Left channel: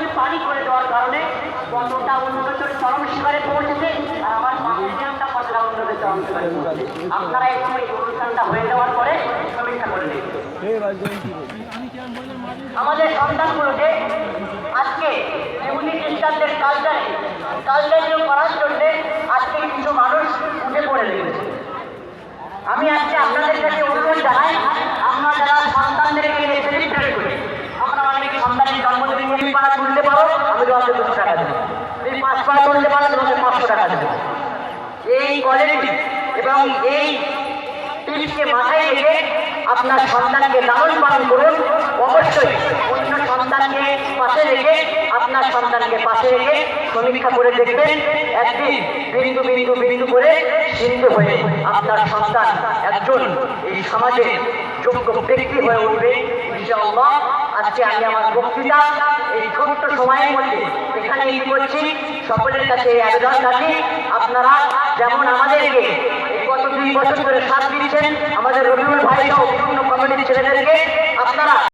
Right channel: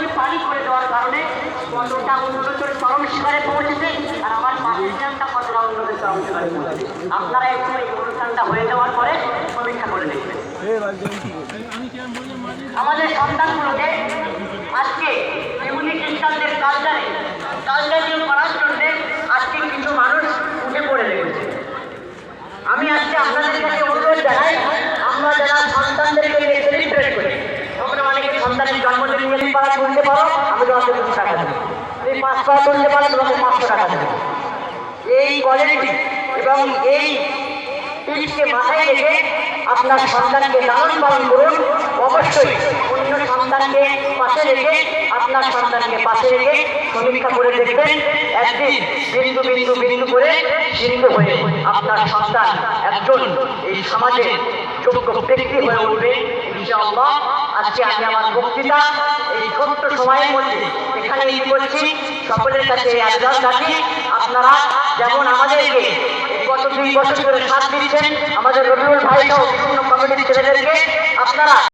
নদী পানি করে দেওয়ার কারণে বন্দরটা উন্নতির চরম শিখরে পৌঁছেছে, আর আমার পাশের গ্রামটা কতটা উন্নতির চরম শিখরে পৌঁছেছে। আপনারা একটু এই অনুষ্ঠানটা হয়ে যাওয়ার পরে সমীক্ষা করে দেখবেন। আমাদের সন্তানগুলোকে আজকে এমনি খ্রিস্টানদের কালচারে করার জন্য আজকে কিছু মানুষ উঠে পড়ে লেগেছে। আমি আজকে আপনাদের কাছে অনুরোধ জানাই, আমরা যারা সন্তানদেরকে সেলিব্রেট করি, আমরা অনেকে সন্তানের জন্মদিন পাড়া তুলতে পারো, আমাদের অনেক টাকা দেবে, এই 5 পাড়া তুলতে পারো, তোমাদের 500 টাকা দেবে। এই কোয়ালিটি এবং এই টিপসকে মাথায় রেখে আপনার সন্তানকে লালন পালন করুন। অবশ্যই অন্য সন্তানকে পাশে রেখে আপনার সন্তানকে পাশে রেখে সমীক্ষা করে দেখবেন, একদিন বিন্দু বিন্দু বিন্দু করে সিন্ধু হয়ে আপনার সন্তান একজন এই সমাজের যোগ্য ব্যক্তি হয়ে উঠবে ইনশাআল্লাহ। আজকে আমি আমার বক্তৃতা এই ছোট্ট সময়ের মধ্যে এখানে করছি। সকলের কাছে আবেদন রাখি, আপনারা যেমন আমাদেরকে গত 2 বছর ধরে সাথ দিচ্ছেন, আমাদের রবিউল ভাই সহ বিভিন্ন কমিটির ছেলেদেরকে আপনারা